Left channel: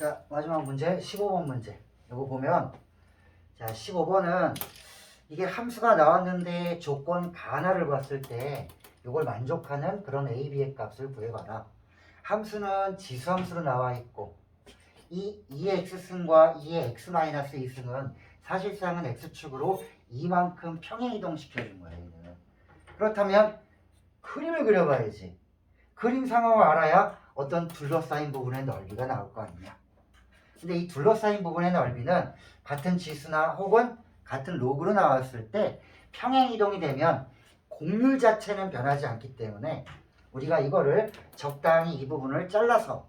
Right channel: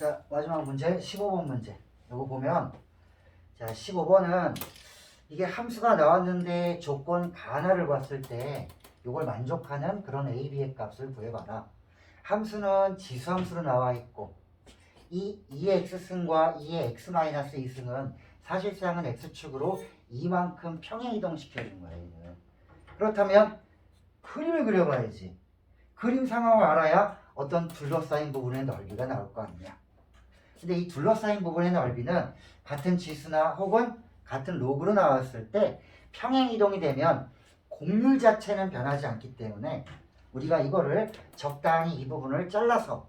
자, 마지막 문제 15번 문제. 이거 보면 자, 15번은 이게 함수가 나왔는데 조건 반화를 봤을 때 이걸 만족하는 그런 a, b의 값을 구해봐라. 함수는 지수함수로 나와 있고 이 2의 x승과 2의 x-2승은 사실상은 x축으로 이만큼 평행 이동시켜준 거예요. 얘는. 그렇다면 그림을 그려봐야지. 그림 상황을 알아야 어떤 둘러싸인 부분의 넓이가 나올 거 아니야. 근데 이 둘러싸인 부분의 넓이는 같은 지수나 혹은 같은 로그로 나왔을 때 평행 이동이 되면 곡률 자체는 변하지 않기 때문에 우리가 이거를 적당히 이 부분을 잘라서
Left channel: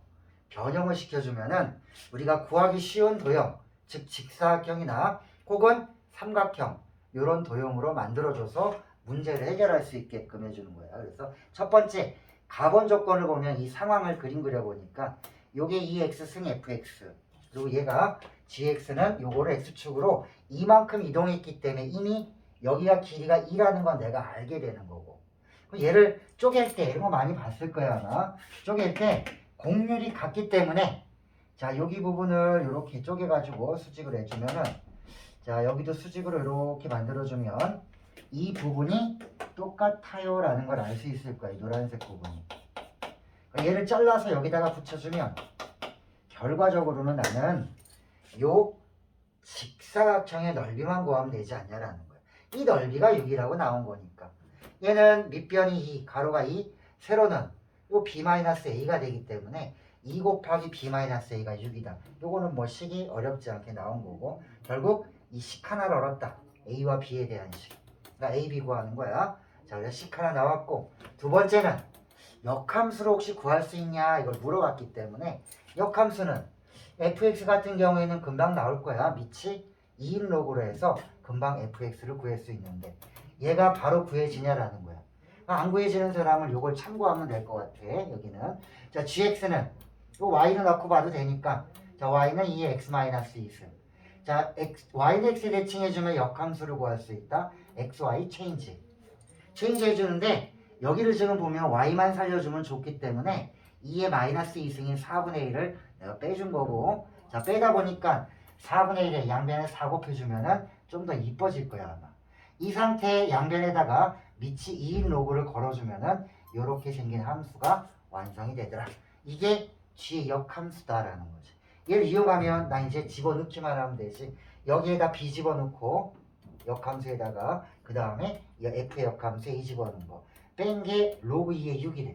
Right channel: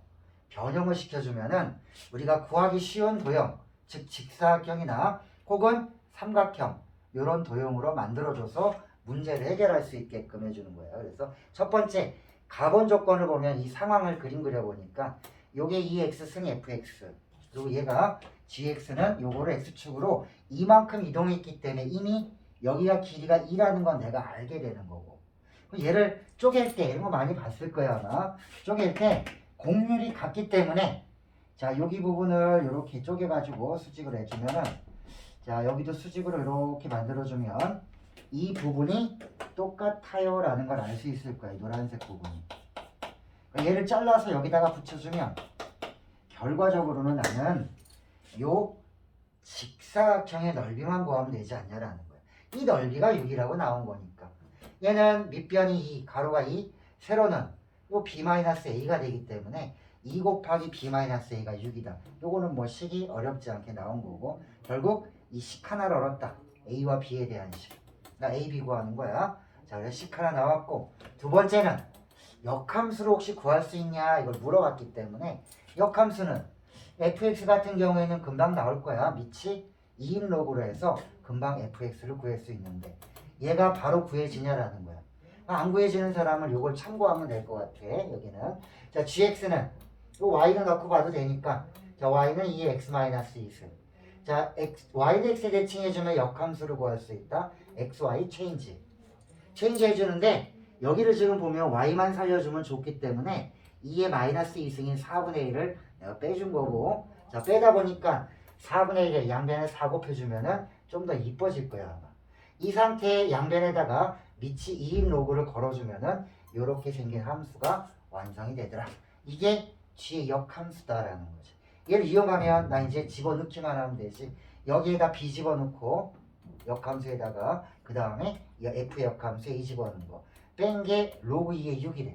변형을 시켜주면은 우리가 구하기 쉬운 도형, 즉 직사각형이나 혹은 삼각형 이런 도형으로 만들어줘서 문제를 해결할 수 있게끔 해주는 거예요. 그래서 첫 번째 가본 조건을 보면 이 상황을 그림 그려보니까 요게 2x 승 fx 그리고 얘가 gx는 요거를 x축으로 이만큼 이동했기 때문에 이미 여기가 길이가 2라는 건 내가 알게 되는 거고. 얘를 쪼갤 때 이런 거 많이 봤을 거야 아마. 쪼갤 때 곡률이 같기 때문에 자 여기 부분을 이렇게 쪼개 가지고 수직을 해주면은 자 여기도 수직으로 이렇게 만들어 주면 이 부분이 똑같아요 라는 걸 알 수 있을 거예요 노란색 부분이. 얘를 잘라서 여기다가 붙여주면 결과적으로는 나는 요 직사각형의 넓이만 구하면 되지 않냐라는 거예요 이 넓이가 6이라고 나온 거니까. 얘는 밑변이 2 가로가 2 세로는 요 b-a가 되기 때문에 2 곱하기 b-a가 6이다. 요거는 뭐 식이 어렵지 않게 나온 거고 결국 이 식 하나를 얻었다. a와 b에 대한 식. 나 a, b 구하는 거야. 자 그래서 식 하나 나왔고 두 번째는 역함수를 혹시 구할 수 있냐 이걸 물어봤기 때문에 역함수는 fx 같은 경우에는 금방 나올 거야. 밑이 2인 로그로 해서 금방 fx를 구할 수 있는데 얘가 바로 구해지냐라는 거야. 안 구해지는 사람은 이걸 참고하면 될 것 같아 여기는. 자 gx는 또 y는 넣고 봐도 되니까. 자 y는 2의 x-2승 자 x, y는 x에 대칭해주면 역함수를 구할 수 있다. Xy 체인지. 체인지 해주는데 여기를 지금 보면 y만 살려주면 좋기 때문에 2의 마이너스 2승인 4분의 1을 내가 빼준 거고 자 빼다 보니까 4분의 1에 양변에 4 곱해주면은 좀 더 이뻐질 거야 아마. 이 상태의 양변에다가 밑이 2인 로그를 걸어주면은 이렇게 생긴 함수가 완성이 되더라. 이게 G의 역함수다라는 거지. 얘를 이용하면 나 이제 집어넣기만 하면 되지. 여기에다 B 집어넣고 역함수에다가 그 다음에 F의 역함수에 이 집어넣는 거 뺀 게 로그 2의 6이래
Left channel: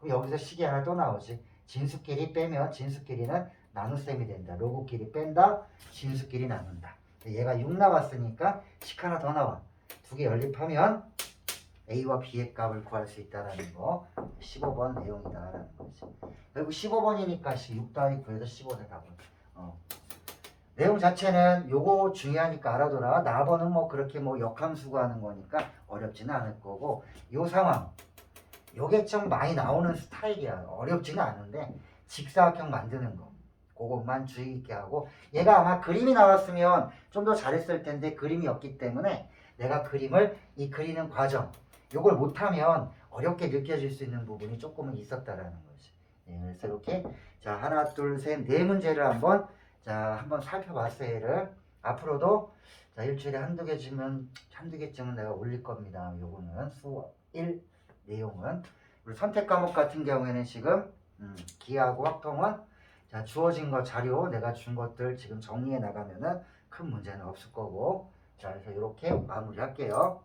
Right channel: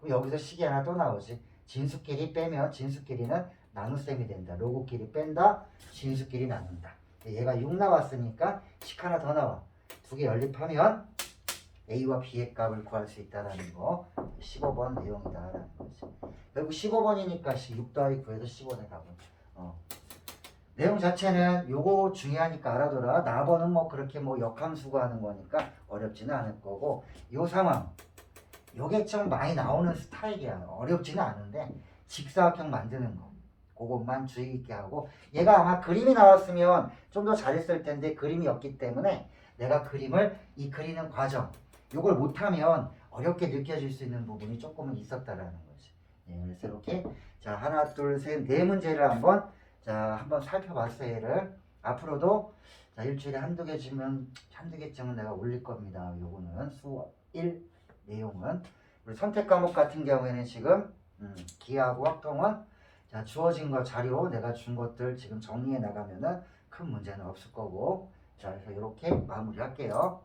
그럼 여기서 식이 하나 또 나오지. 진수끼리 빼면 진수끼리는 나눗셈이 된다. 로그끼리 뺀다 진수끼리 나눈다. 얘가 6 나왔으니까 식 하나 더 나와. 두 개 연립하면 A와 B의 값을 구할 수 있다라는 거. 15번 내용이다라는 거지. 그리고 15번이니까 6 더하기 9에서 15를 가고 어. 내용 자체는 요거 중요하니까 알아둬라. 나번은 뭐 그렇게 뭐 역함수 구하는 거니까 어렵지는 않을 거고 요 상황. 요게 좀 많이 나오는 스타일이야. 어렵지는 않은데 직사각형 만드는 거. 그것만 주의 있게 하고 얘가 아마 그림이 나왔으면 좀 더 잘했을 텐데 그림이 없기 때문에 내가 그림을 이 그리는 과정 요걸 못하면 어렵게 느껴질 수 있는 부분이 조금은 있었다라는 거지. 예, 그래서 이렇게 자 하나 둘 셋 네 문제를 한번 자 한번 살펴봤어요 얘를. 앞으로도 자 일주일에 한두 개쯤은 한두 개쯤은 내가 올릴 겁니다. 요거는 수1 내용은. 우리 선택 과목 같은 경우에는 지금 음, 기하고 확통은 자 주어진 거 자료 내가 준 것들 지금 정리해 나가면은 큰 문제는 없을 거고. 자 그래서 이렇게 마무리할게요.